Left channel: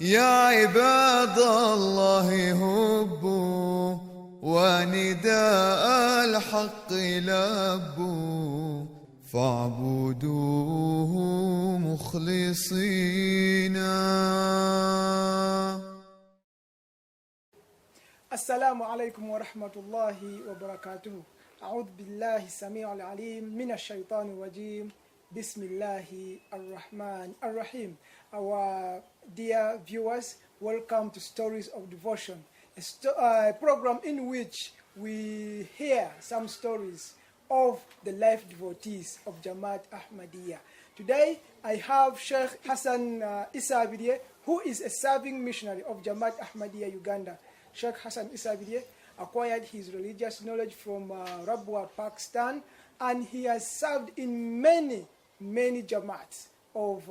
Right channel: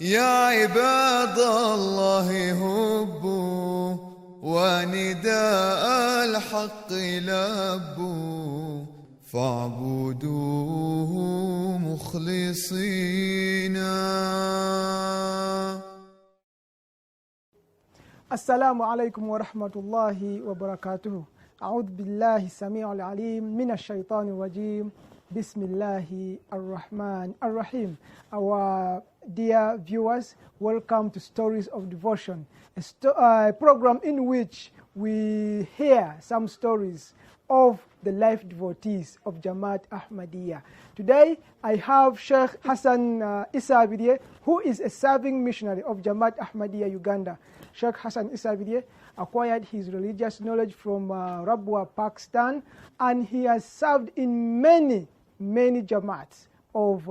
يا عباد الله هبوا ونداء الحق لبوا فاعبدوه مخلصين. السلام عليكم ورحمة الله وبركاته. أعوذ بالله السميع العليم من الشيطان الرجيم. بسم الله الرحمن الرحيم. Our dear viewers, welcome to Stories of Devotion, a program in which we hear some stories of the life devotees of Jamaat Ahmadiyya. Today, I have Sheikh Hassan Isabirye, who is a serving missionary of Jamaat Ahmadiyya Uganda. Sheikh Hassan Isabirye acquired his religious knowledge from Rabwa, Pakistan, and he has served in many Jamaats of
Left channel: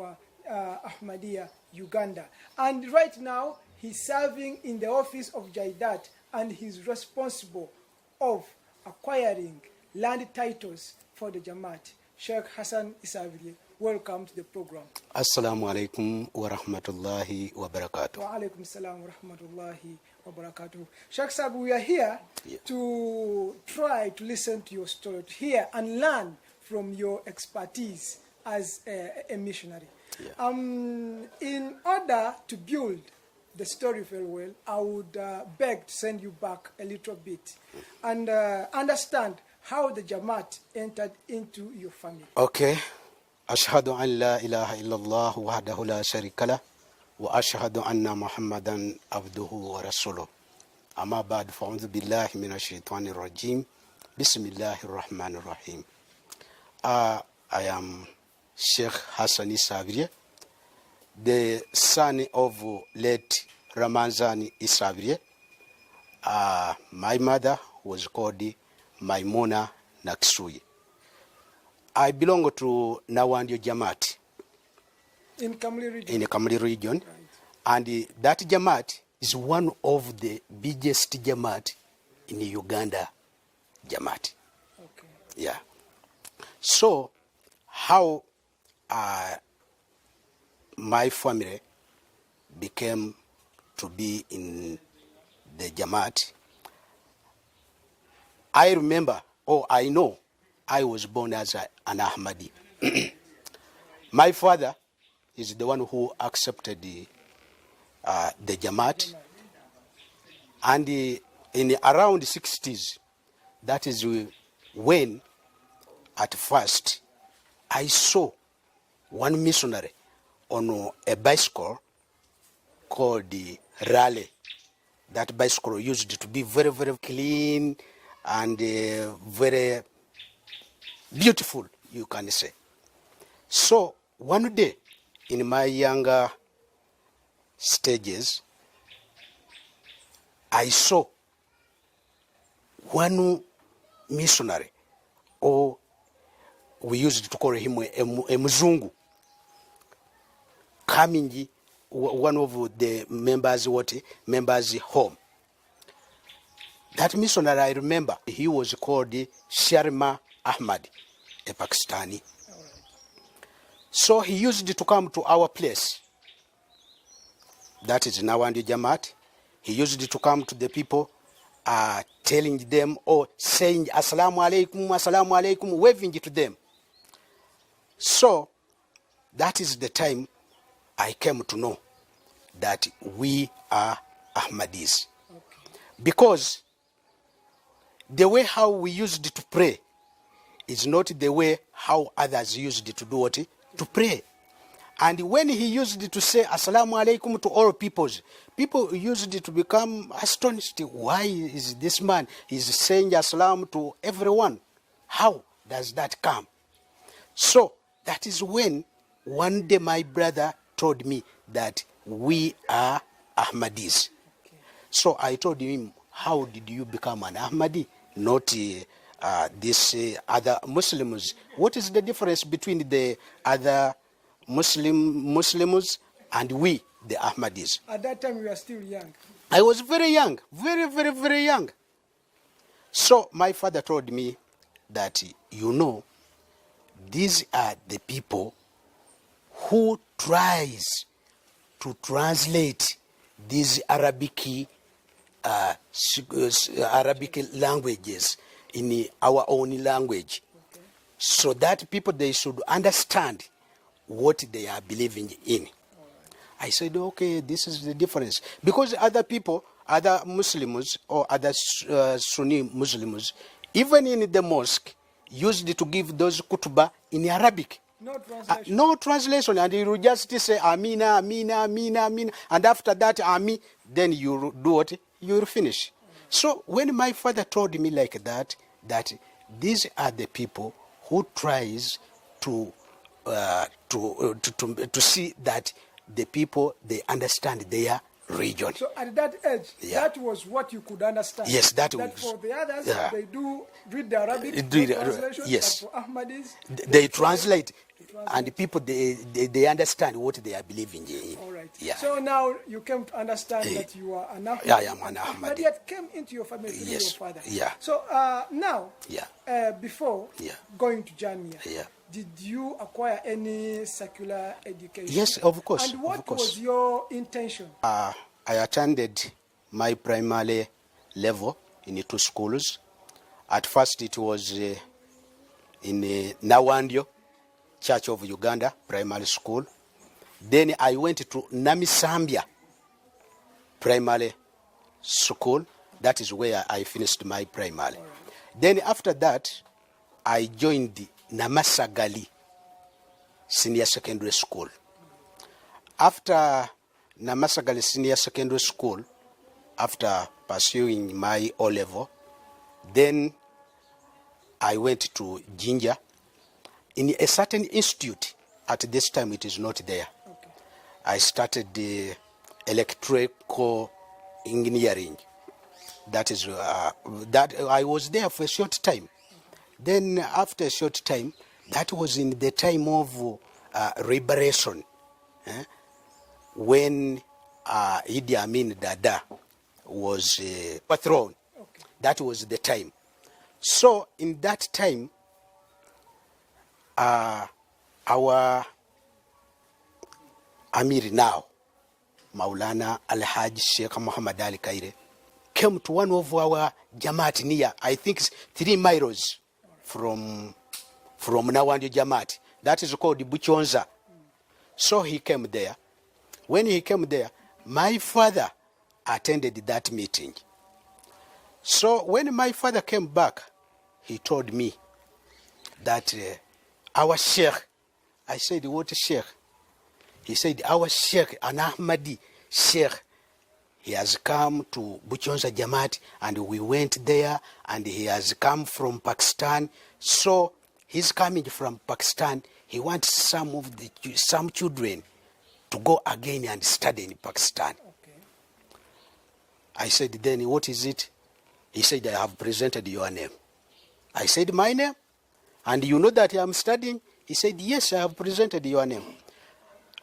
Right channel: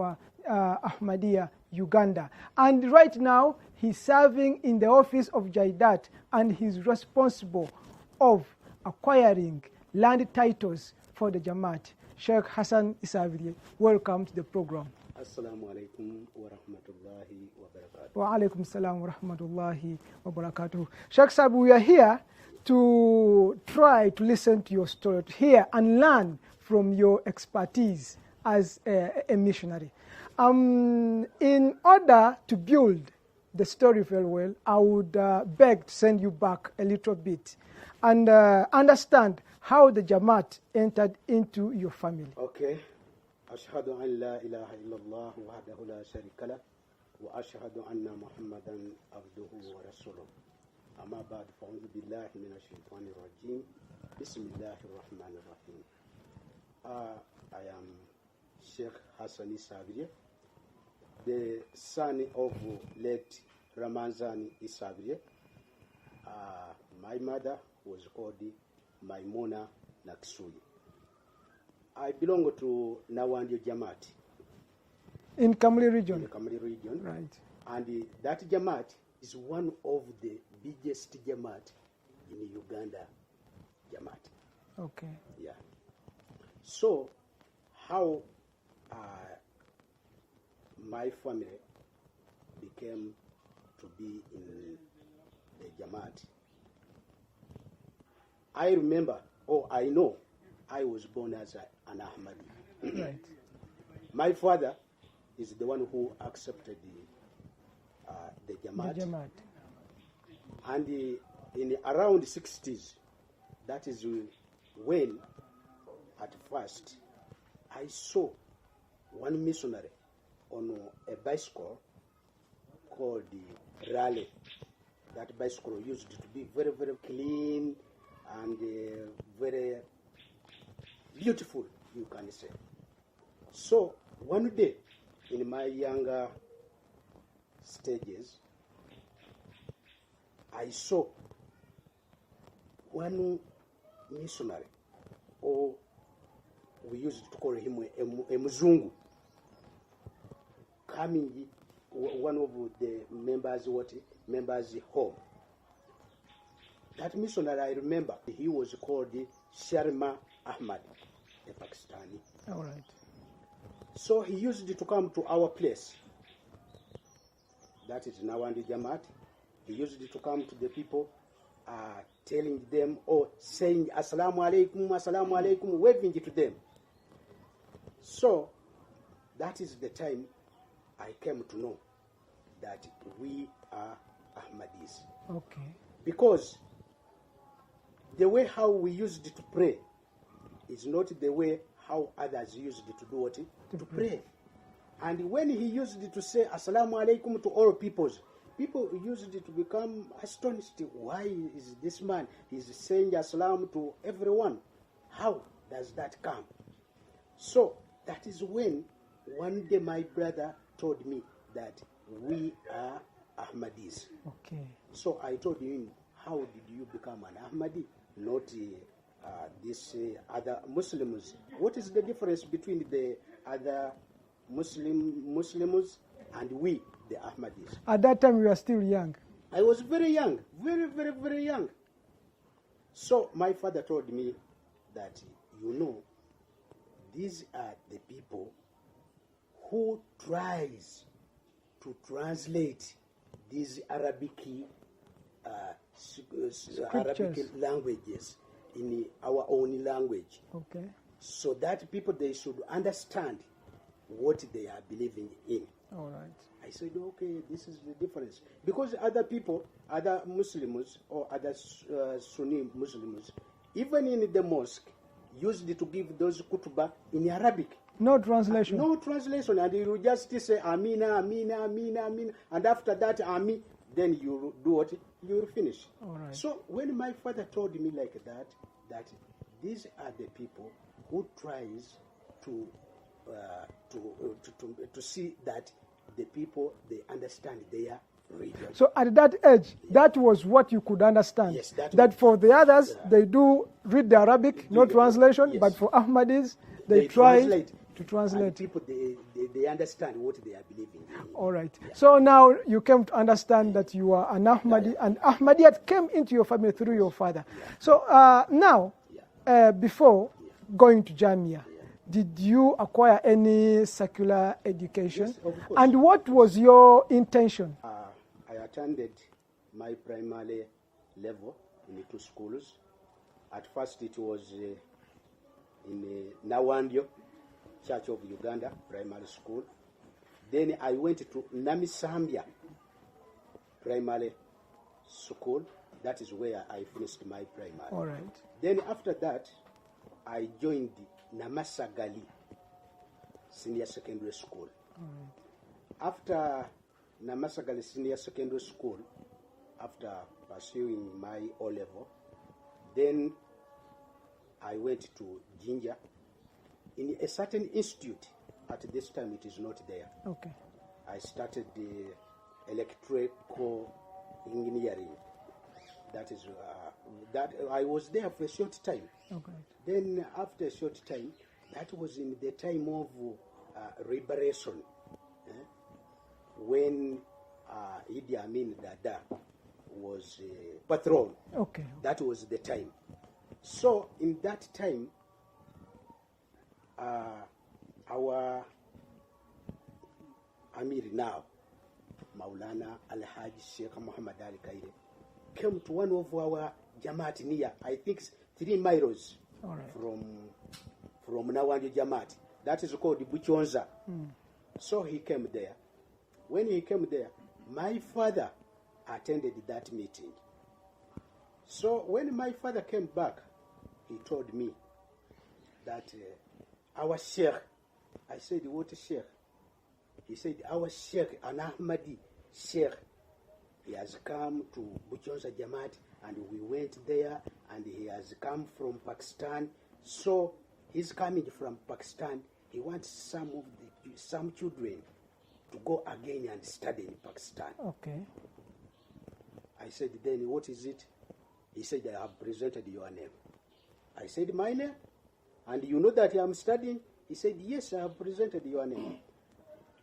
Ahmadiyya Uganda. And right now, he's serving in the office of Jaidat, and he's responsible of acquiring land titles for the Jamaat. Sheikh Hassan Isabirye, welcome to the program. Assalamu alaikum wa rahmatullahi wa barakatuh. Wa alaikum salam wa rahmatullahi wa barakatuh. Sheikh Sabu, we are here to try to listen to your story, to hear and learn from your expertise as a missionary. In order to build the story very well, I would beg to send you back a little bit and understand how the Jamaat entered into your family. Okay. Ashhadu an la ilaha illallah wahdahu la sharika lah wa ashhadu anna Muhammadan abduhu wa rasuluh. Amma ba'd, fa'udhu billahi minash shaitanir rajim. Bismillahir rahmanir rahim. I am Sheikh Hassan Isabirye, the son of late Ramazan Isabirye. My mother was called Maimuna Naksui. I belong to Nawandio Jamaat. In Kamli region? In the Kamli region. Right. And that Jamaat is one of the biggest Jamaat in Uganda Jamaat. Okay. Yeah. So, how my family became to be in the Jamaat, I remember, I know, I was born as an Ahmadi. My father is the one who accepted the Jamaat. And in around the 60s, that is when, at first, I saw one missionary on a bicycle called the Raleigh. That bicycle used to be very, very clean and very beautiful, you can say. So one day, in my younger stages, I saw one missionary, or we used to call him a Mzungu, coming one of the members' home. That missionary, I remember, he was called Sharma Ahmadi, a Pakistani. All right. So he used to come to our place. That is Nawandi Jamaat. He used to come to the people, telling them or saying Assalamu alaikum, waving to them. So that is the time I came to know that we are Ahmadis. Okay. Because the way how we used to pray is not the way how others used to do what? To pray. And when he used to say Assalamu alaikum to all peoples, people used to become astonished. Why is this man is saying Assalam to everyone? How does that come? So that is when one day my brother told me that we are Ahmadis. Okay. So I told him, how did you become an Ahmadi? Not these other Muslims. What is the difference between the other Muslims and we, the Ahmadis? At that time, you were still young. I was very young, very, very, very young. So my father told me that, you know, these are the people who tries to translate these Arabic languages in our own language, Okay. so that people, they should understand what they are believing in. All right. I said, okay, this is the difference. Because other people, other Muslims or other Sunni Muslims, even in the mosque, used to give those kutubah in Arabic. No translation. No translation. And you just say, Amina, Amina, Amina, Amina. And after that, Ami, then you do what? You finish. Right. So when my father told me like that these are the people who tries to see that the people, they understand their region. So at that age, that was what you could understand. Yes, that was. was. For the others, they do read the Arabic, no translation, yes. but for Ahmadis, they translate. To translate. And people, they understand what they are believing in. All right. Yeah. So now you came to understand that you are an Ahmadi, and Ahmadiyat came into your family through your father. Yeah. So now, before going to Jamia, did you acquire any secular education? Yes, of course. And what was your intention? I attended my primary level in 2 schools. At first, it was in Nawandio, Church of Uganda Primary School. Then I went to Namisambia Primary School. That is where I finished my primary. All right. Then after that, I joined Namasagali Senior Secondary School. After Namasagali Senior Secondary School, after pursuing my O-level, then I went to Jinja in a certain institute. At this time, it is not there. Okay. I started the electrical engineering. That is that I was there for a short time. Okay. Then after a short time, that was in the time of liberation, when Idi Amin Dada was overthrown. Okay. That was the time. So in that time, our Amir now, Maulana Al-Hajj Sheikh Muhammad Ali Kaire, came to one of our Jamaat near, I think 3 miles from Nawandi Jamaat. That is called Buchonza. So he came there. When he came there, my father attended that meeting. So when my father came back, he told me that our Sheikh, I said, what Sheikh? He said, our Sheikh, an Ahmadi Sheikh, he has come to Buchonza Jamaat, and we went there, and he has come from Pakistan. So he's coming from Pakistan. He wants some children to go again and study in Pakistan. Okay. I said, then what is it? He said, I have presented your name. I said, my name? And you know that I am studying? He said, yes, I have presented your name.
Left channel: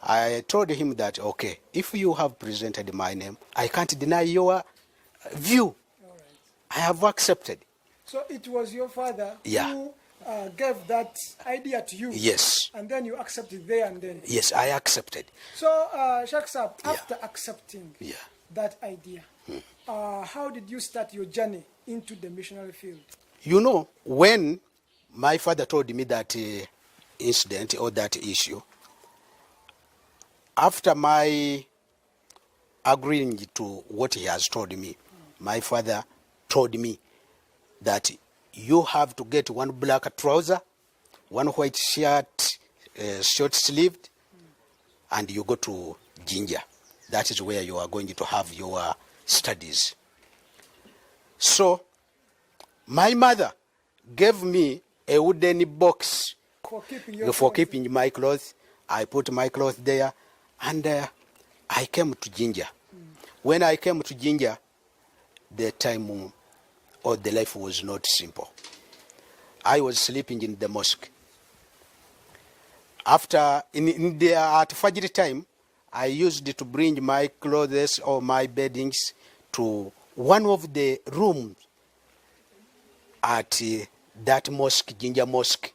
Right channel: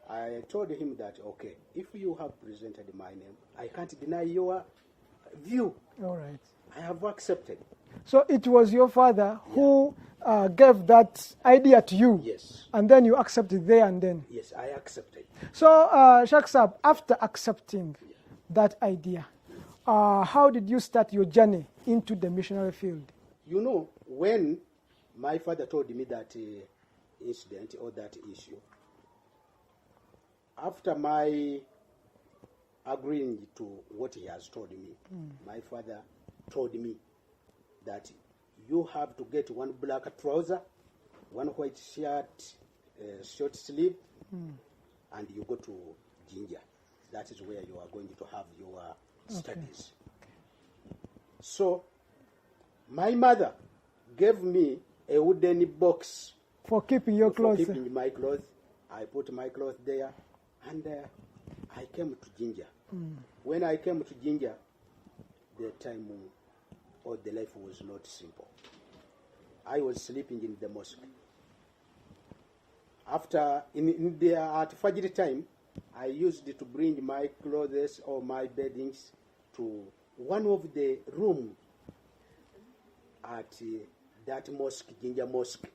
I told him that, okay, if you have presented my name, I can't deny your view. All right. I have accepted. So it was your father who gave that idea to you? Yes. And then you accepted there and then? Yes, I accepted. So, Shaksab, after accepting that idea, how did you start your journey into the missionary field? You know, when my father told me that incident or that issue, after my agreeing to what he has told me, my father told me that you have to get one black trouser, one white shirt, short sleeved, and you go to Jinja. That is where you are going to have your studies. So my mother gave me a wooden box for keeping your clothes. Keeping my clothes. I put my clothes there, and I came to Jinja. When I came to Jinja, the time or the life was not simple. I was sleeping in the mosque. After at Fajr time, I used to bring my clothes or my beddings to one of the rooms at that mosque, Jinja Mosque,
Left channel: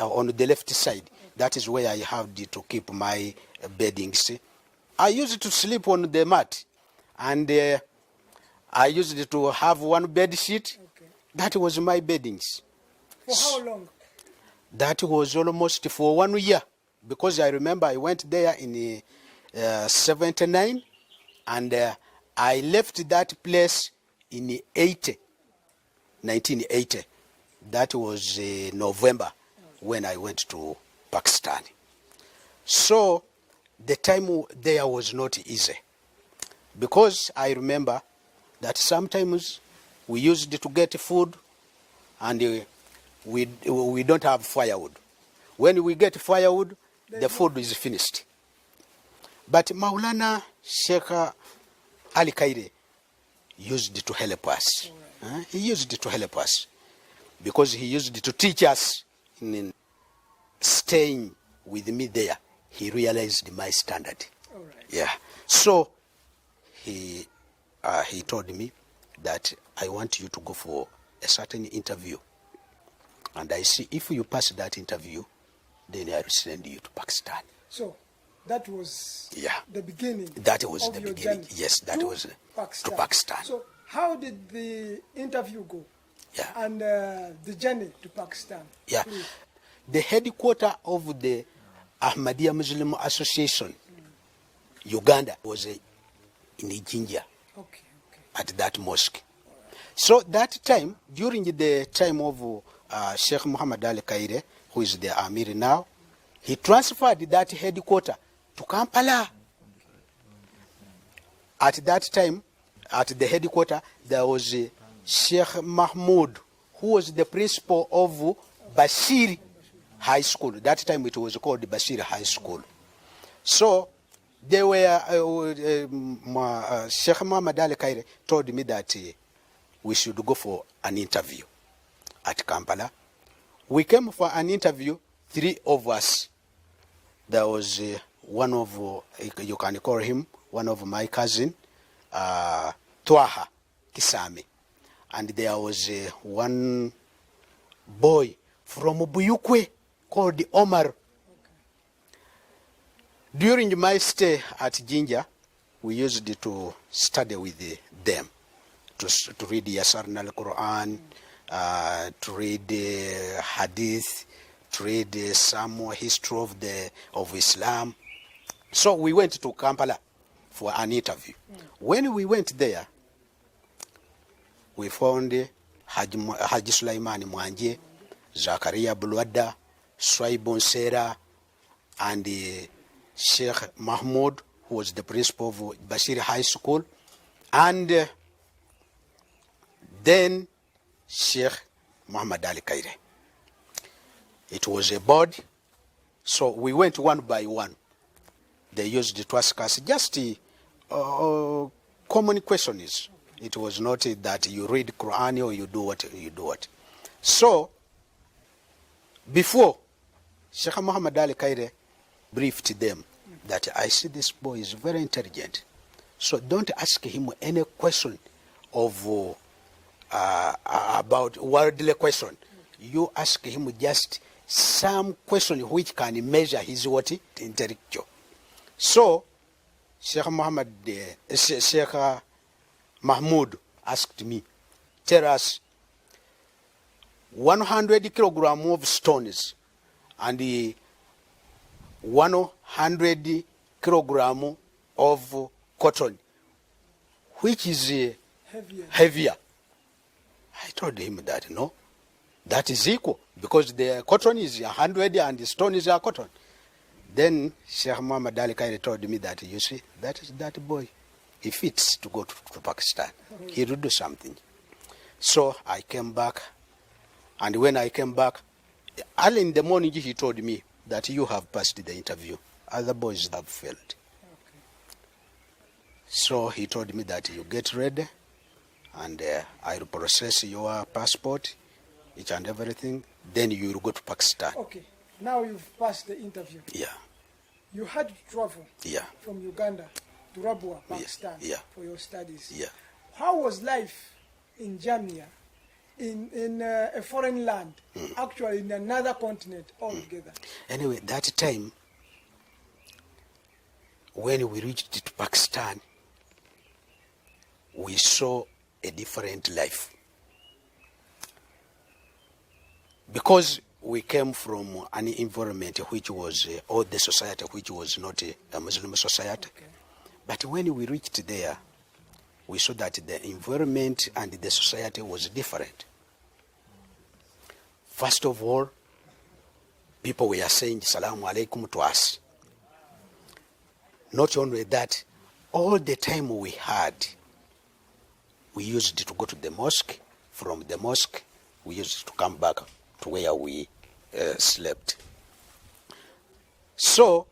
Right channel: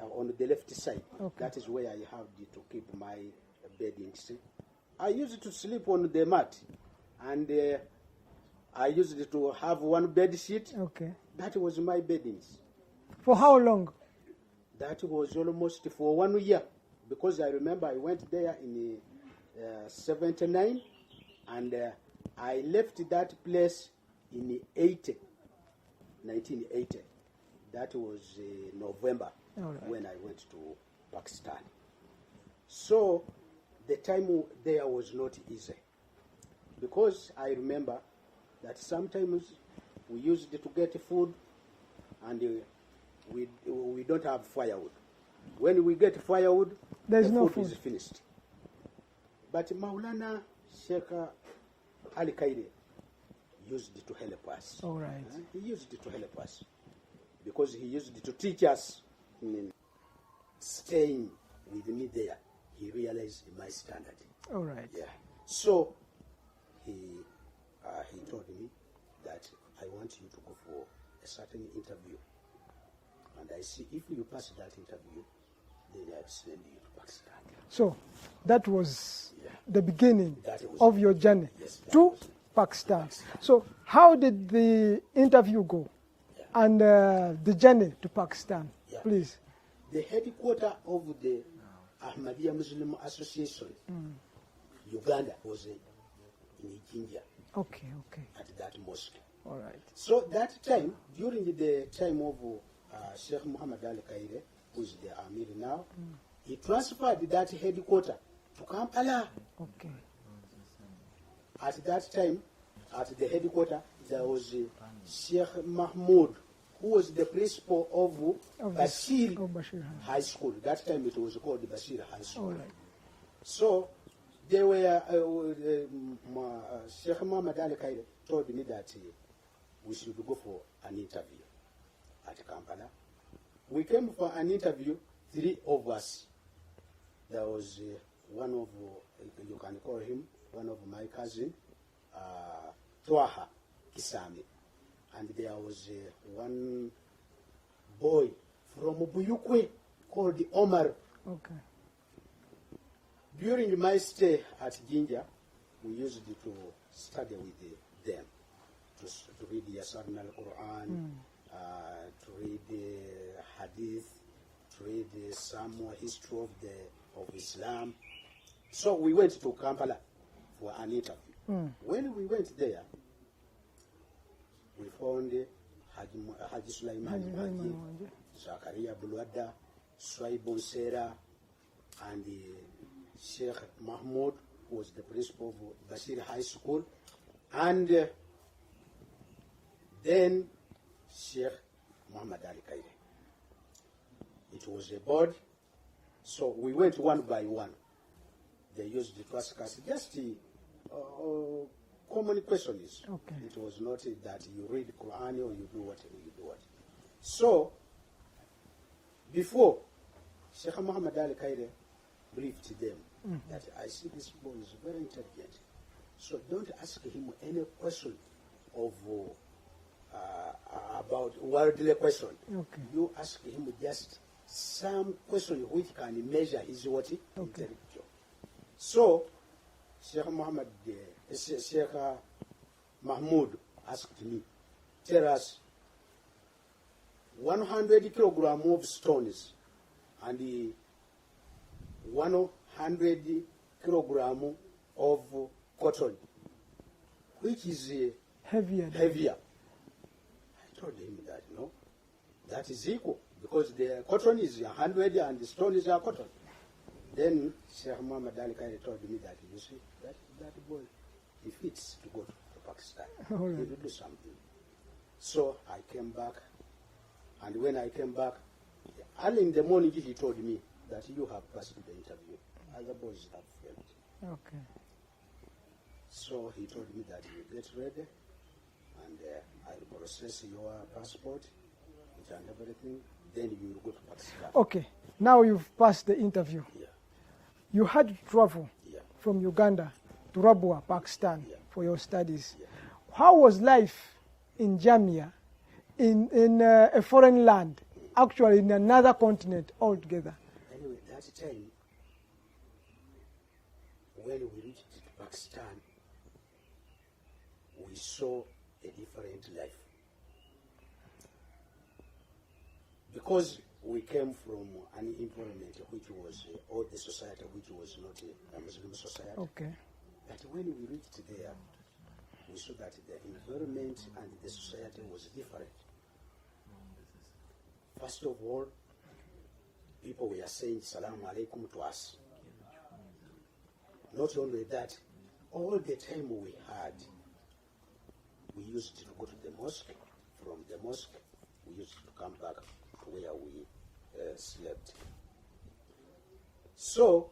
on the left side. Okay. That is where I have to keep my beddings. I used to sleep on the mat, and I used to have one bed sheet. Okay. That was my beddings. For how long? That was almost for 1 year, because I remember I went there in 79, and I left that place in 1980. That was November when I went to Pakistan. So the time there was not easy, because I remember that sometimes we used to get food and we don't have firewood. When we get firewood, the food is finished. But Maulana Sheikh Ali Kaire used to help us. Right. He used to help us because he used to teach us in staying with me there. He realized my standard. All right. Yeah. So he told me that I want you to go for a certain interview. And I see if you pass that interview, then I will send you to Pakistan. So that was the beginning of your journey. Yes, that to was Pakistan. to Pakistan. So how did the interview go? Yeah. And the journey to Pakistan? Yeah. Please. The headquarters of the Ahmadi Muslim Association, Uganda, was in Jinja. Okay. At that mosque. All right. So that time, during the time of Sheikh Muhammad Ali Kaire, who is the Amir now, he transferred that headquarters to Kampala. Okay. At that time, at the headquarters, there was Sheikh Mahmoud, who was the principal of Bashir High School. That time it was called Bashir High School. So they were, Sheikh Muhammad Ali Kaire told me that we should go for an interview at Kampala. We came for an interview, 3 of us. There was one of, you can call him, one of my cousin, Twaha Kisame. And there was one boy from Buyukwe called Omar. Okay. During my stay at Jinja, we used to study with them, to read Yasarna al-Quran, to read Hadith, to read some history of Islam. So we went to Kampala for an interview. When we went there, we found Haji Sulaiman Mwanje, Zakaria Bulwada, Swaibon Sera, and Sheikh Mahmoud, who was the principal of Bashir High School, and then Sheikh Muhammad Ali Kaire. It was a board, so we went one by one. They used to ask us just common questions. Okay. It was not that you read Quran or you do what. So, before, Sheikh Muhammad Ali Kaire briefed them that I see this boy is very intelligent. So don't ask him any question of about worldly question. Okay. You ask him just some question which can measure his intellectual. So Sheikh Mahmoud asked me, tell us 100 kilograms of stones and 100 kilograms of cotton, which is heavier. I told him that no, that is equal, because the cotton is 100 and the stones are cotton. Then Sheikh Muhammad Ali Kaire told me that, you see, that boy, he fits to go to Pakistan. He will do something. So I came back, and when I came back, early in the morning he told me that you have passed the interview. Other boys have failed. Okay. So he told me that you get ready, and I will process your passport, each and everything. Then you will go to Pakistan. Okay. Now you've passed the interview. Yeah. You had to travel from Uganda to Rabwa, Pakistan, for your studies. Yeah. How was life in Jamia, in a foreign land, actually in another continent altogether? Anyway, that time, when we reached to Pakistan, we saw a different life. Because we came from an environment which was, or the society which was not a Muslim society. Okay. But when we reached there, we saw that the environment and the society was different. First of all, people were saying Salaam Alaikum to us. Not only that, all the time we had, we used to go to the mosque. From the mosque, we used to come back to where we slept. So,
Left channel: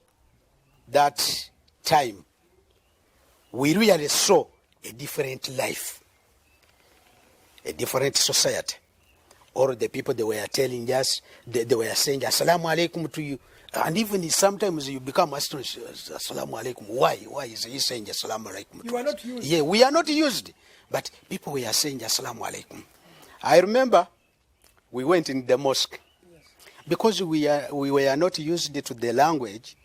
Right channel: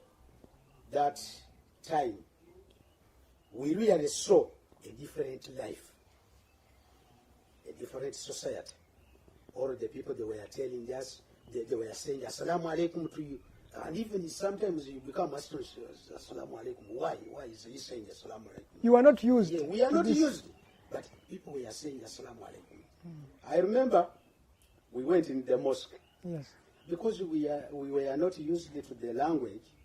that time, we really saw a different life, a different society. Or the people, they were telling us, they were saying Assalamu alaikum to you. And even sometimes you become astonished, Assalamu alaikum. Why? Why is he saying Assalamu alaikum? You are not used. Yeah, we are not used. But people were saying Assalamu alaikum. I remember we went in the mosque. Yes. Because we were not used to the language.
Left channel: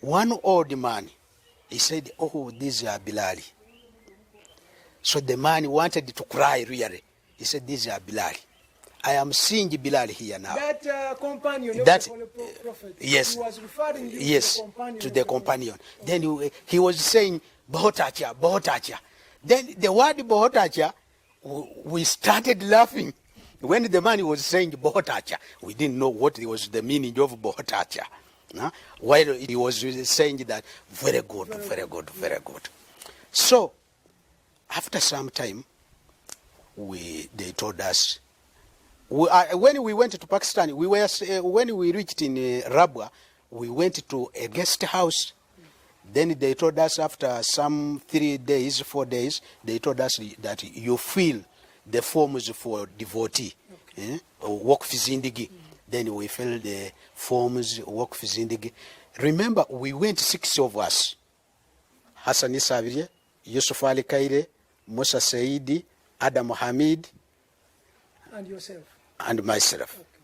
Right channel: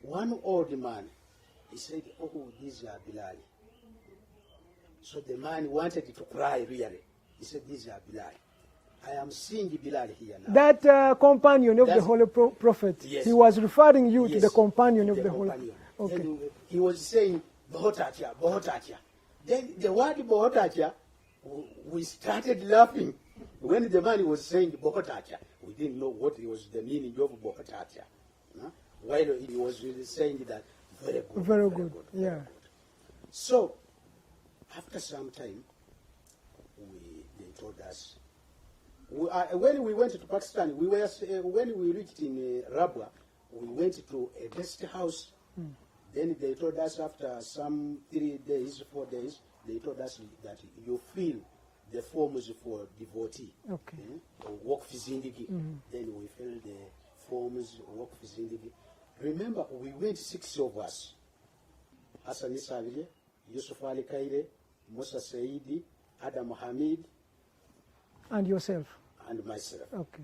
One old man, he said, oh, these are Bilali. So the man wanted to cry really. He said, these are Bilali. I am seeing Bilal here now. That companion of the Holy Prophet, yes, he was referring you yes, to the companion. To the companion. Okay. Then he was saying, Bohotacha, Bohotacha. Then the word Bohotacha, we started laughing. When the man was saying Bohotacha, we didn't know what was the meaning of Bohotacha. No? While he was saying that, very good, very good, very good. So, after some time, they told us, when we went to Pakistan, when we reached in Rabwa, we went to a guest house. Then they told us after some 3 days, 4 days, they told us that you fill the forms for devotee, work fizindigi. Then we filled the forms, work fizindigi. Remember, we went 6 of us: Hassan Isabirye, Yusuf Ali Kaire, Musa Saidi, Adam Hamid, and yourself. And myself. Okay.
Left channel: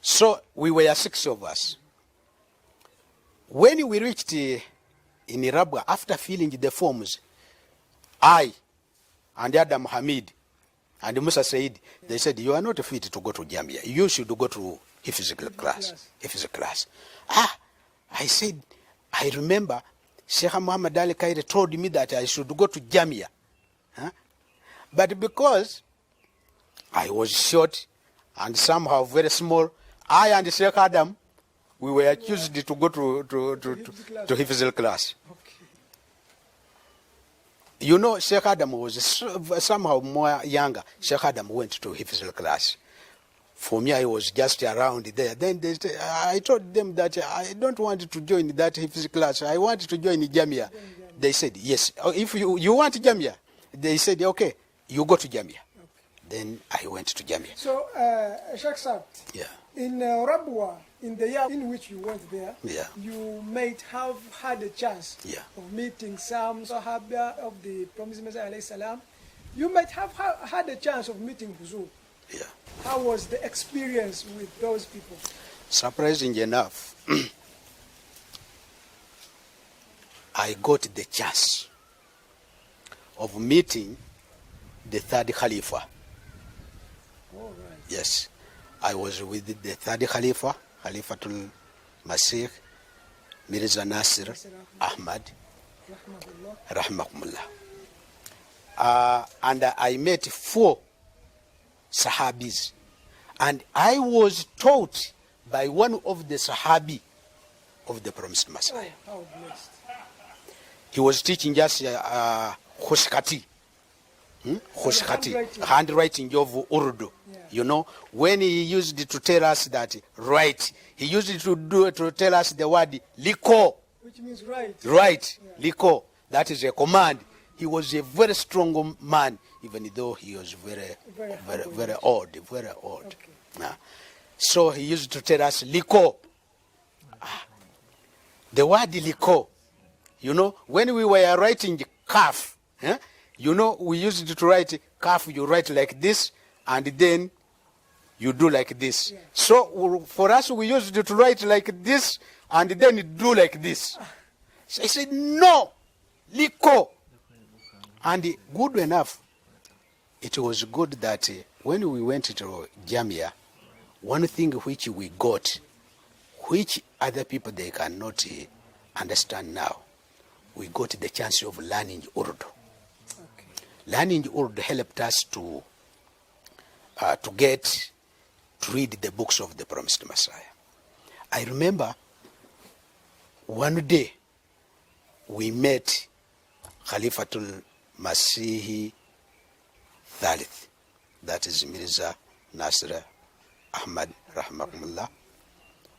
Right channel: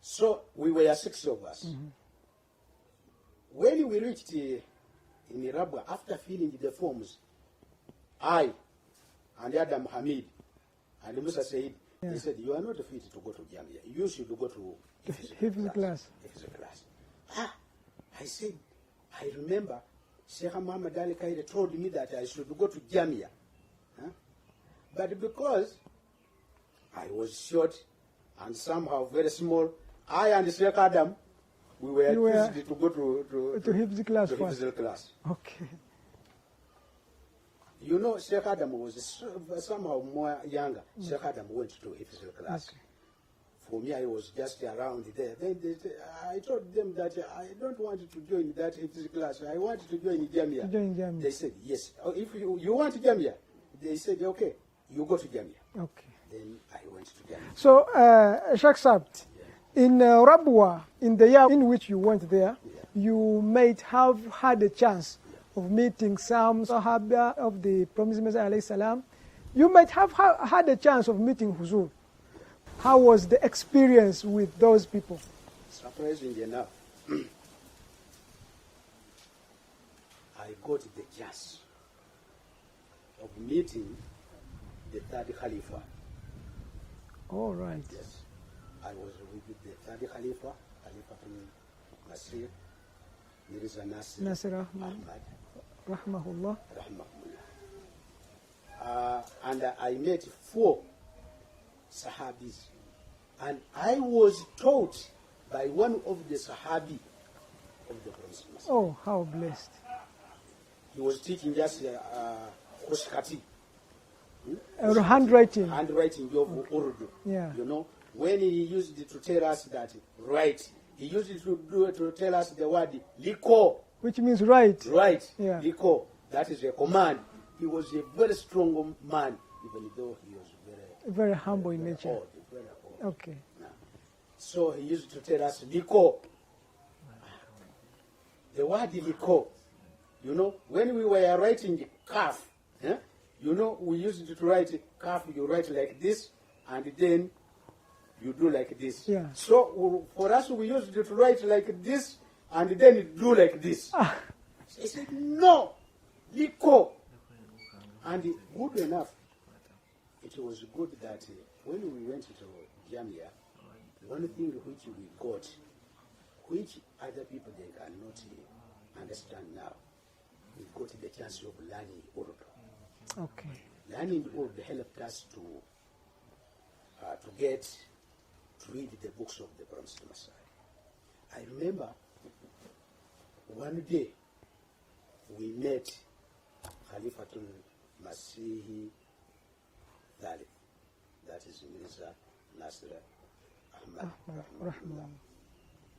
So we were 6 of us. When we reached in Rabwa, after filling the forms, I and Adam Hamid and Musa Said, they said, you are not fit to go to Gambia. You should go to physical class. I said, I remember Sheikh Muhammad Ali Kaire told me that I should go to Jamia. But because I was short and somehow very small, I and Sheikh Adam, we were accused to go to physical class. Okay. You know, Sheikh Adam was somehow more younger. Sheikh Adam went to physical class. For me, I was just around there. Then I told them that I don't want to join that physical class. I want to join Jamia. They said, yes. If you want Jamia, they said, okay, you go to Jamia. Okay. Then I went to Jamia. So, Sheikh Saab, in Rabwa, in the year in which you went there, you might have had a chance of meeting some Sahaba of the Promised Messiah alayhi salam. You might have had a chance of meeting Huzur. How was the experience with those people? Surprisingly enough, I got the chance of meeting the third Khalifa. All right. Yes. I was with the third Khalifa, Khalifatul Masih, Mirza Nasir Ahmad, Rahmahullah. And I met 4 Sahabis. And I was taught by one of the Sahabi of the Promised Messiah. Oh, how blessed. He was teaching us Khushkati. Handwriting of Urdu. You know, when he used to tell us that write, he used to tell us the word liko, which means right. Right, liko. That is a command. He was a very strong man, even though he was very old. Okay. So he used to tell us liko. The word liko. You know, when we were writing kaf, you know, we used to write kaf, you write like this, and then you do like this. So for us, we used to write like this, and then do like this. So I said, no, Liko. And good enough, it was good that when we went to Jamia, one thing which we got, which other people they cannot understand now, we got the chance of learning Urdu. Okay. Learning Urdu helped us to read the books of the Promised Messiah. I remember one day we met Khalifatul Masihi Thalith, that is Mirza Nasr Ahmad Rahmahullah.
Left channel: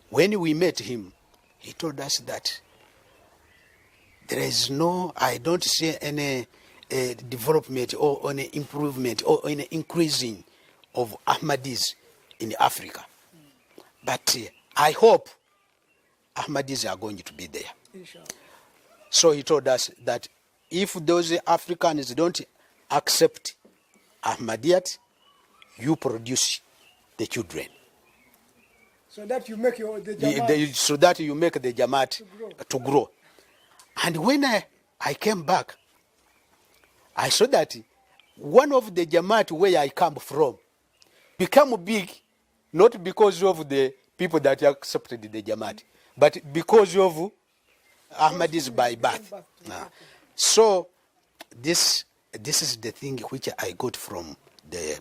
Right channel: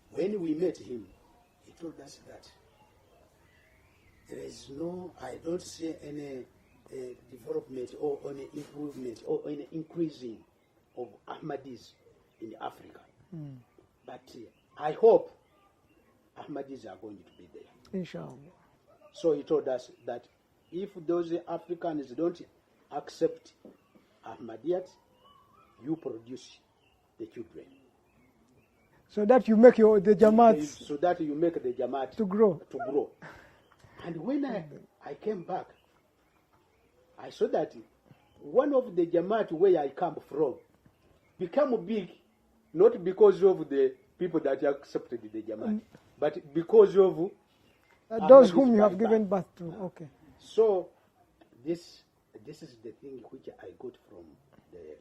When we met him, he told us that there is no, I don't see any development or any improvement or any increasing of Ahmadis in Africa. But I hope Ahmadis are going to be there. Inshallah. So he told us that if those Africans don't accept Ahmadiyat, you produce the children. So that you make the Jamaat So that you make the Jamaat to grow. And when I came back, I saw that one of the Jamaat where I come from became big, not because of the people that accepted the Jamaat, but because of Ahmadis by birth. Okay. So this is the thing which I got from the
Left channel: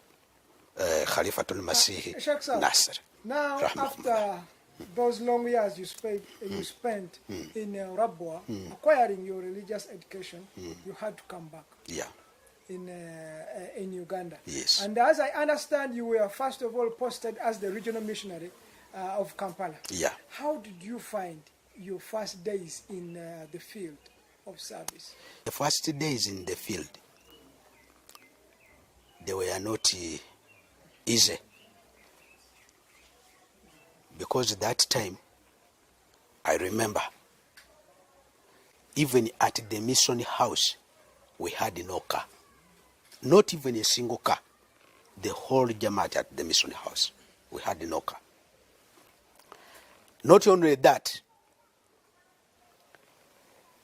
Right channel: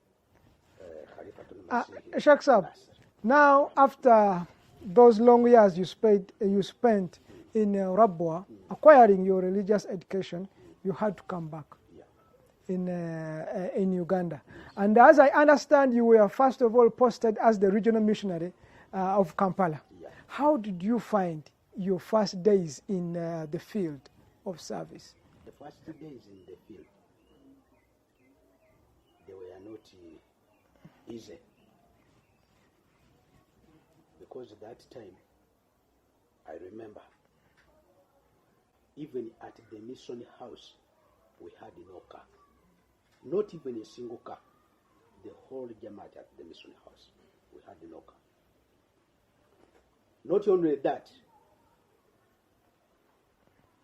Khalifatul Masih Sheikh Sab, Nasser. now Rahmahullah. after those long years you spent in Rabwa, acquiring your religious education, you had to come back Yeah. in Uganda. Yes. And as I understand, you were first of all posted as the regional missionary of Kampala. Yeah. How did you find your first days in the field of service? The first days in the field, they were not easy. Because at that time, I remember, even at the mission house, we had no car. Not even a single car. The whole Jamaat at the mission house, we had no car. Not only that,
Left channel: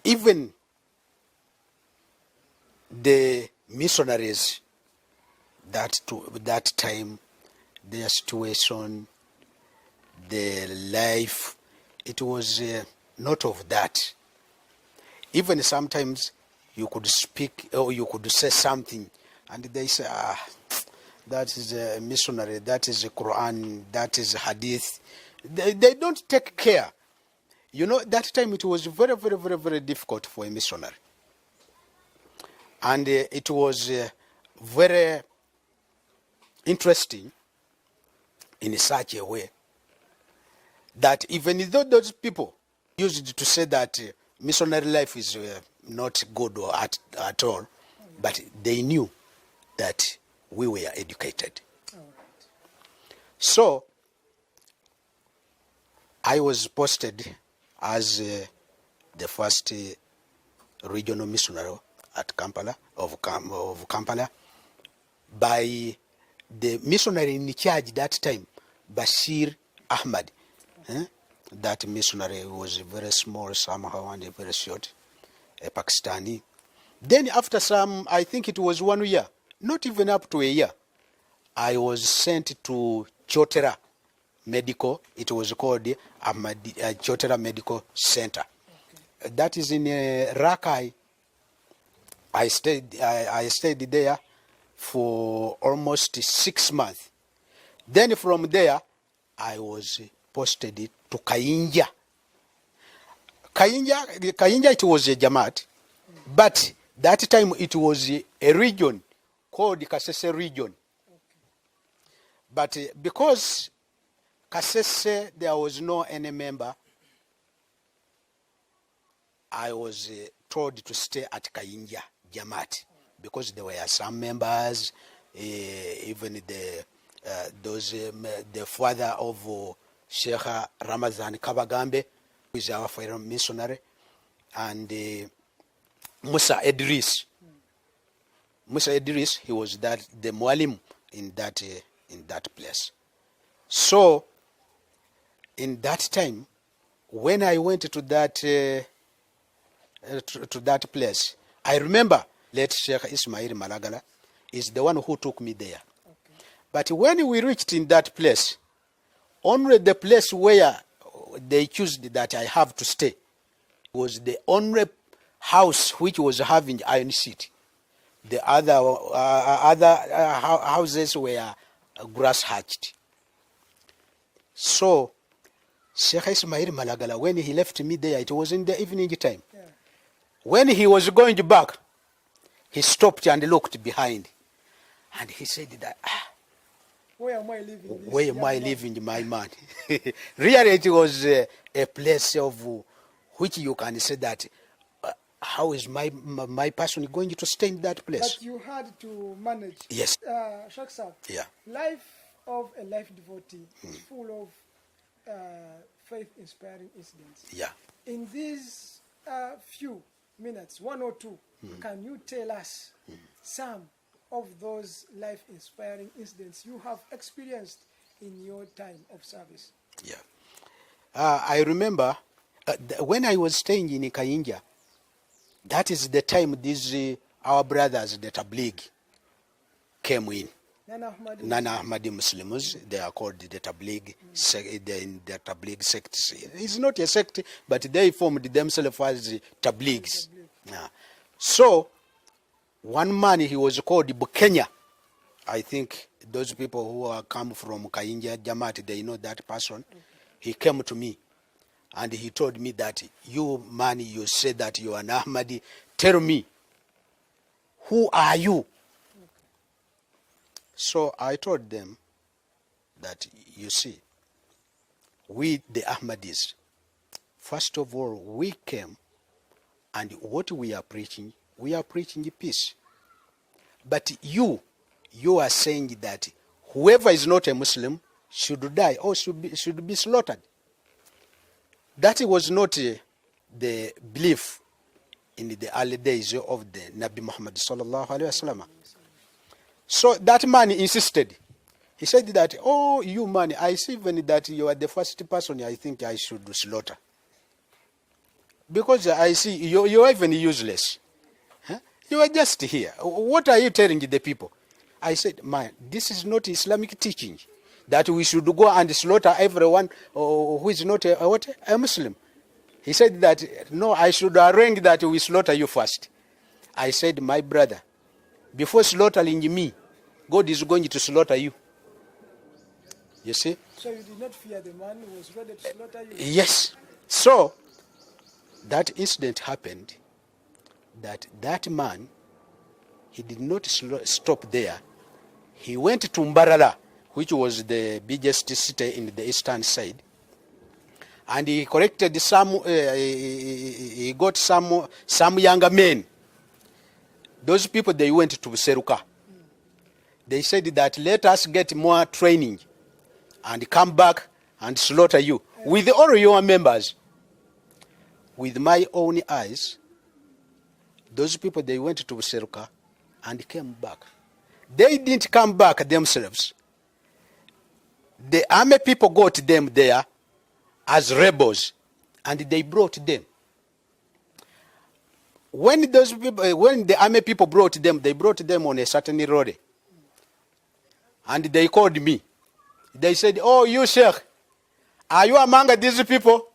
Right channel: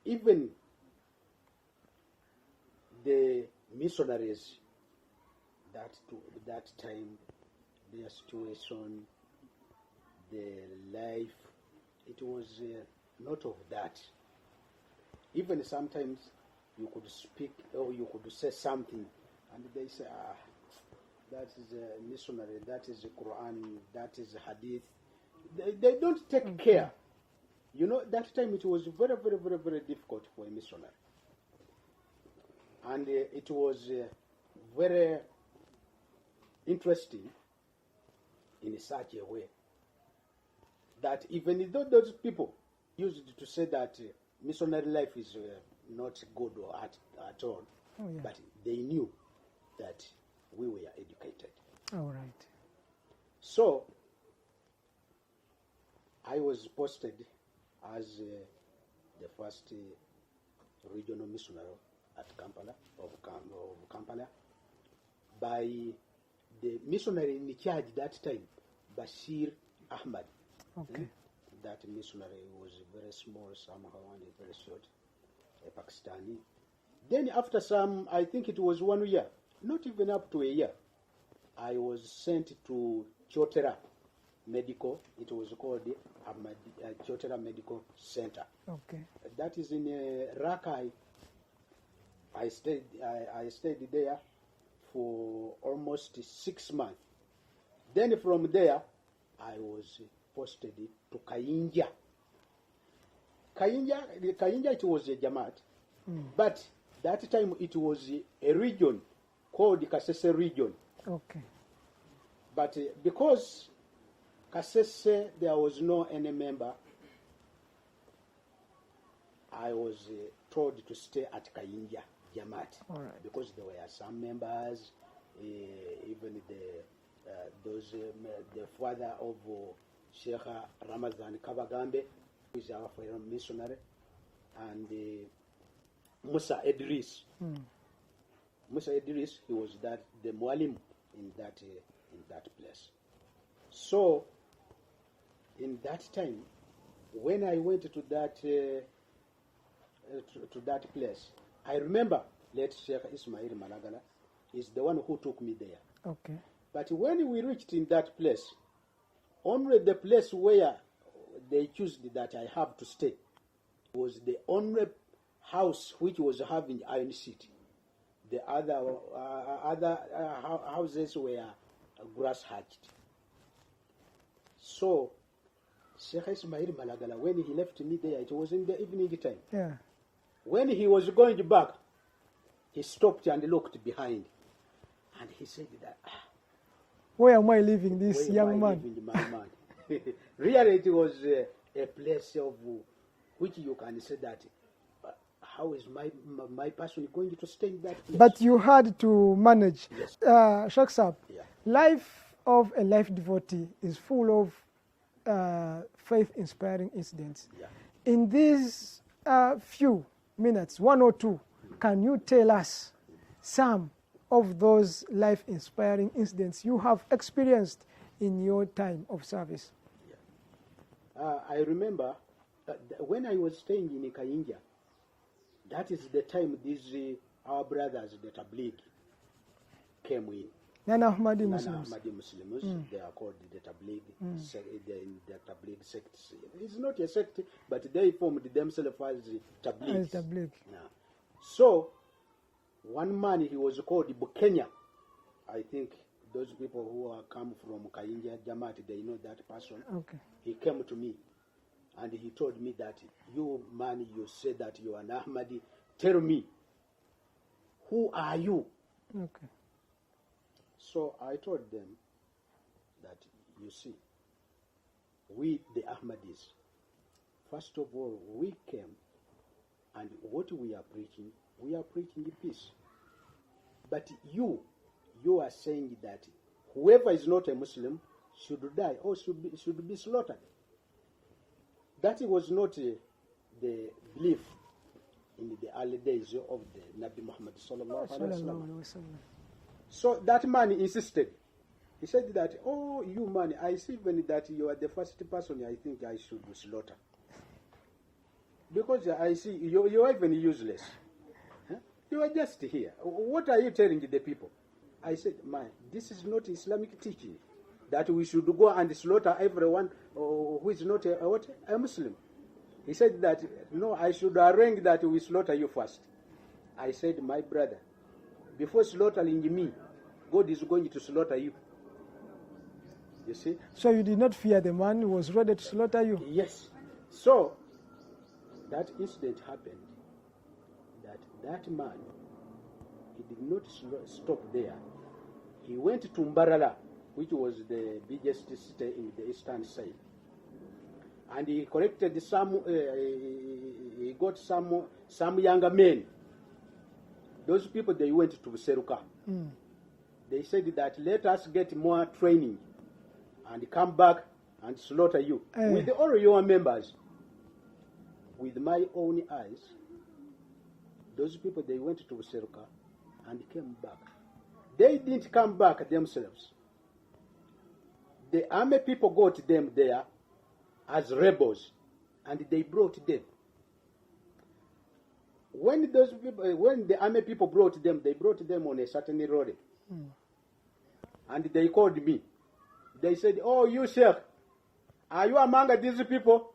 even the missionaries that time, their situation, the life, it was not of that. Even sometimes you could speak or you could say something and they say, that is a missionary, that is a Quran, that is a hadith. They don't take care. You know, that time it was very, very, very, very difficult for a missionary. And it was very interesting in such a way that even though those people used to say that missionary life is not good or at all, but they knew that we were educated. All right. So I was posted as the first regional missionary at Kampala, of Kampala, by the missionary in charge that time, Bashir Ahmad. Okay. That missionary was very small somehow and very short, a Pakistani. Then after some, I think it was 1 year, not even up to a year, I was sent to Chotera Medical. It was called Ahmadi, Chotera Medical Center. Okay. That is in Rakai. I stayed there for almost 6 months. Then from there, I was posted to Kayinja. Kayinja, it was a Jamaat, but that time it was a region called Kasese region. Okay. But because Kasese, there was no any member, I was told to stay at Kayinja Jamaat, right, because there were some members, even the father of Sheikh Ramazan Kabagambe, who is our foreign missionary, and Musa Idris. Musa Idris, he was the mualim in that place. So, in that time, when I went to that to that place. I remember late Sheikh Ismail Malagala is the one who took me there. Okay. But when we reached in that place, only the place where they chose that I have to stay was the only house which was having iron sheet. The other houses were grass hatched. So Sheikh Ismail Malagala, when he left me there, it was in the evening time. Yeah. When he was going back, he stopped and looked behind. And he said that, Where am I living this where am young I man? living, my man? Really, it was a place of which you can say that, how is my person going to stay in that place? But you had to manage. Yes. Sheikh Sab, Yeah. life of a life devotee is full of faith-inspiring incidents. Yeah. In these few minutes, 1 or 2, can you tell us some of those life-inspiring incidents you have experienced in your time of service? Yeah. I remember when I was staying in Kayinja, that is the time these our brothers, the Tabligh, came in. Nana Ahmadi. Ahmadi Muslims, they are called the Tabligh, the Tabligh sect. It's not a sect, but they formed themselves as Tablighs. Yeah. So, one man, he was called Bukenya. I think those people who are come from Kayinja, Jamaat, they know that person. Okay. He came to me and he told me that, you man, you say that you are an Ahmadi. Tell me, who are you? Okay. So I told them that, you see, we the Ahmadis, first of all, we came and what we are preaching peace. But you are saying that whoever is not a Muslim should die or should be slaughtered. That was not the belief in the early days of the Nabi Muhammad sallallahu alaihi wasallam. So that man insisted. He said that, oh, you man, I see even that you are the first person I think I should slaughter. Because I see you are even useless. Huh? You are just here. What are you telling the people? I said, man, this is not Islamic teaching, that we should go and slaughter everyone who is not a Muslim. He said that, no, I should arrange that we slaughter you first. I said, my brother, before slaughtering me, God is going to slaughter you. You see? So you did not fear the man who was ready to slaughter you? Yes. So, that incident happened, that man, he did not stop there. He went to Mbarara, which was the biggest city in the eastern side, and he collected some, he got some younger men. Those people, they went to Seruka. They said that, let us get more training and come back and slaughter you with all your members. With my own eyes, those people, they went to Seruka and came back. They didn't come back themselves. The army people got them there as rebels, and they brought them. When the army people brought them, they brought them on a certain road. And they called me. They said, oh, you Sheikh, are you among these people?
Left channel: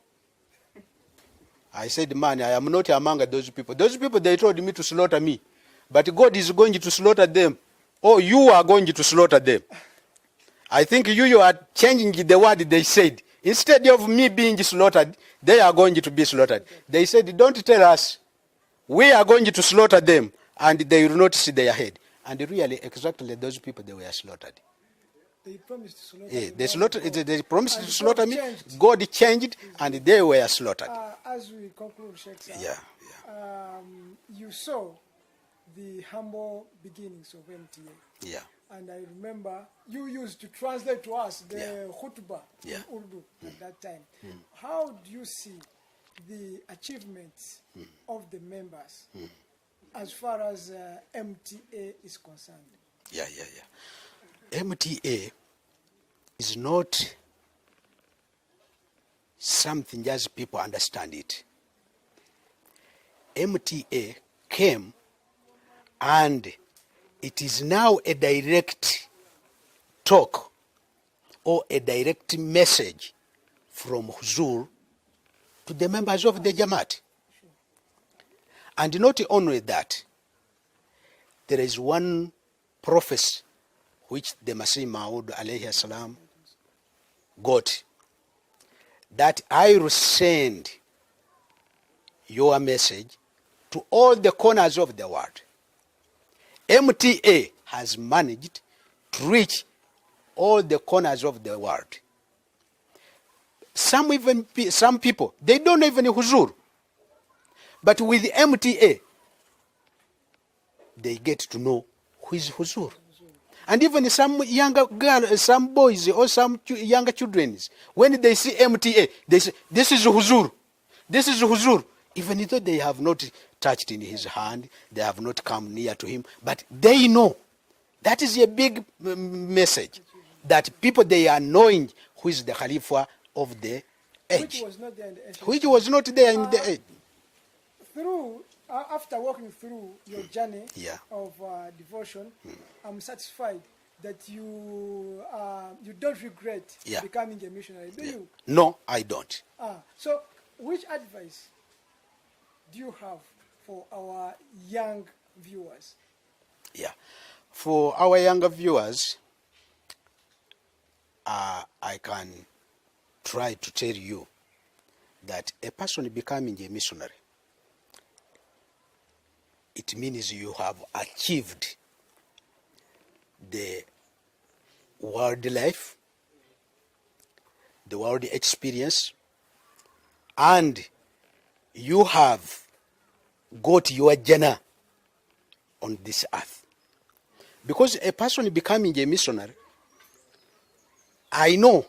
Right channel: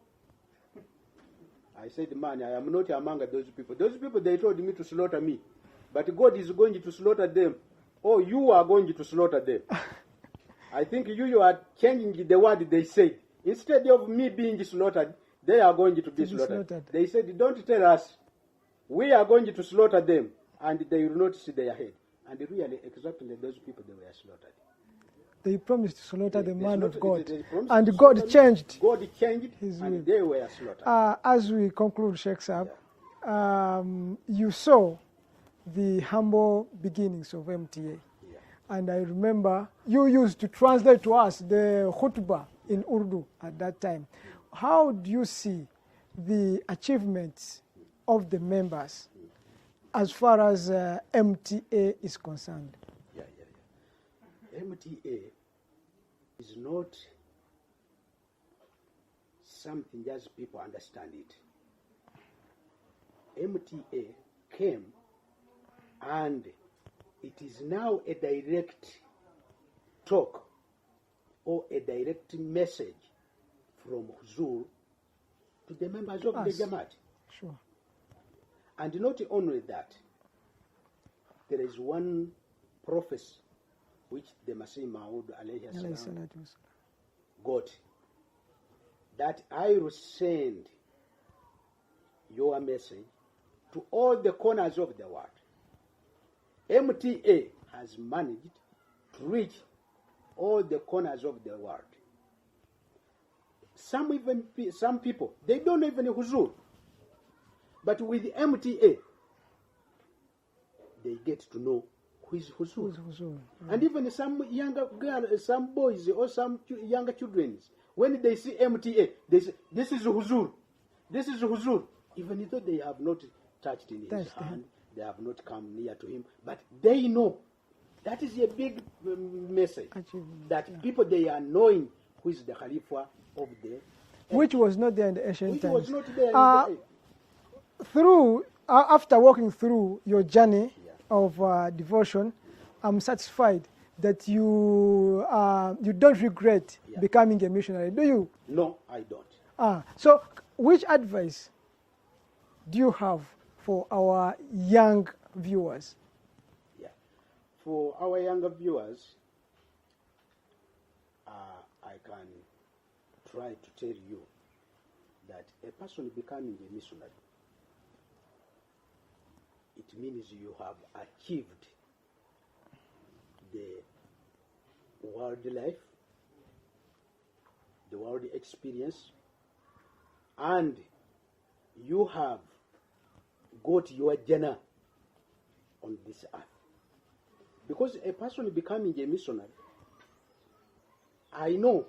I said, man, I am not among those people. Those people, they told me to slaughter me. But God is going to slaughter them. Oh, you are going to slaughter them. I think you are changing the word they said. Instead of me being slaughtered, they are going to be slaughtered. They said, don't tell us. We are going to slaughter them, and they will not see their head. And really, exactly those people, they were slaughtered. They promised to slaughter the man of God. They promised and to slaughter God me. changed. God changed, and they were slaughtered. As we conclude, Sheikh Saab, Yeah. You saw the humble beginnings of MTA. Yeah. And I remember you used to translate to us the khutbah in Urdu at that time. How do you see the achievements of the members as far as MTA is concerned? Yeah. MTA is not something just people understand it. MTA came, and it is now a direct talk or a direct message from Huzur to the members of the Jamaat. Sure. And not only that, there is one prophecy which the Masih Maud alayhi salam got, that I will send your message to all the corners of the world. MTA has managed to reach all the corners of the world. Some people, they don't know even Huzur. But with MTA, they get to know who is Huzur. And even some younger girls, some boys or some younger children, when they see MTA, they say, this is Huzur. This is Huzur. Even though they have not touched in his hand, they have not come near to him, but they know. That is a big message, that people, they are knowing who is the Khalifa of the age. Which was not there in the ancient Which times. was not there in the age. After walking through your journey of devotion, I'm satisfied that you don't regret becoming a missionary, do you? No, I don't. So which advice do you have for our young viewers? Yeah. For our younger viewers, I can try to tell you that a person becoming a missionary, it means you have achieved the world life, the world experience, and you have got your journey on this earth. Because a person becoming a missionary, I know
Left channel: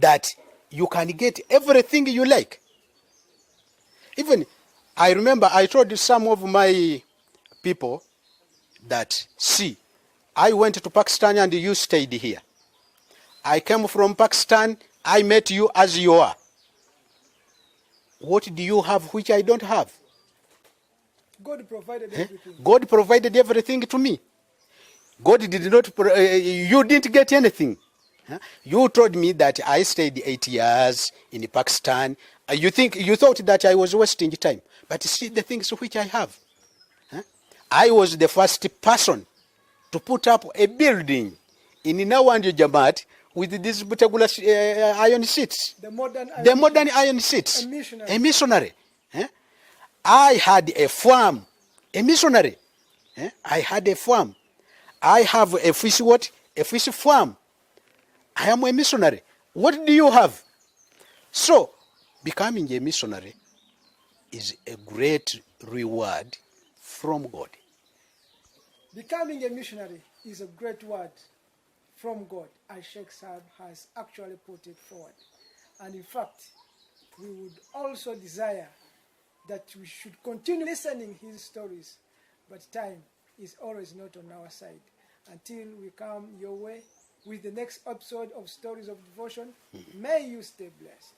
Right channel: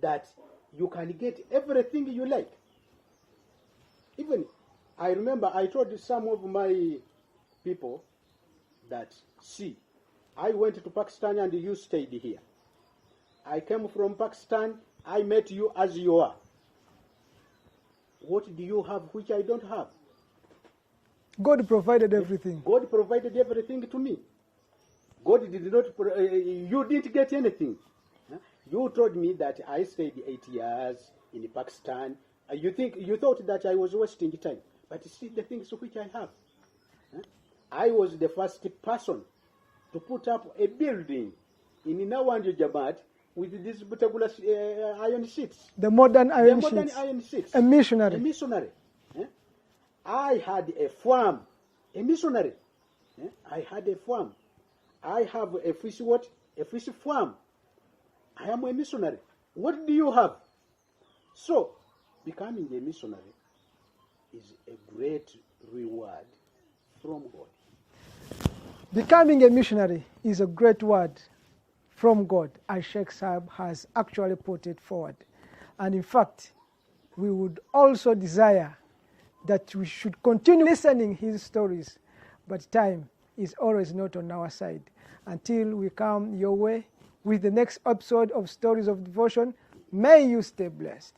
that you can get everything you like. Even, I remember I told some of my people that, see, I went to Pakistan and you stayed here. I came from Pakistan, I met you as you are. What do you have which I don't have? God provided everything. God provided everything to me. God did not, you didn't get anything. You told me that I stayed 8 years in Pakistan. You thought that I was wasting time. But see the things which I have. I was the first person to put up a building in Nawandi Jamaat with these particular iron sheets. The modern iron sheets. A missionary. A missionary. I had a farm. A missionary. I had a farm. I have a fish what? A fish farm. I am a missionary. What do you have? So, becoming a missionary is a great reward from God. Becoming a missionary is a great word from God, as Sheikh Saab has actually put it forward. And in fact, we would also desire that we should continue listening his stories, but time is always not on our side. Until we come your way with the next episode of Stories of Devotion, may you stay blessed.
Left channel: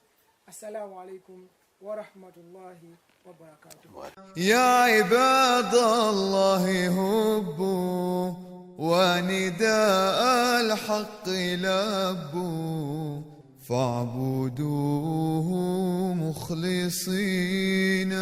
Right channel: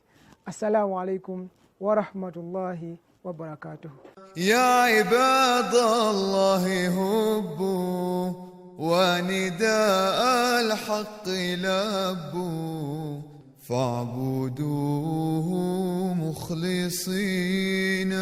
Assalamu alaikum wa rahmatullahi wa barakatuh. يا عباد الله هبوا ونداء الحق لبوا فاعبدوه مخلصين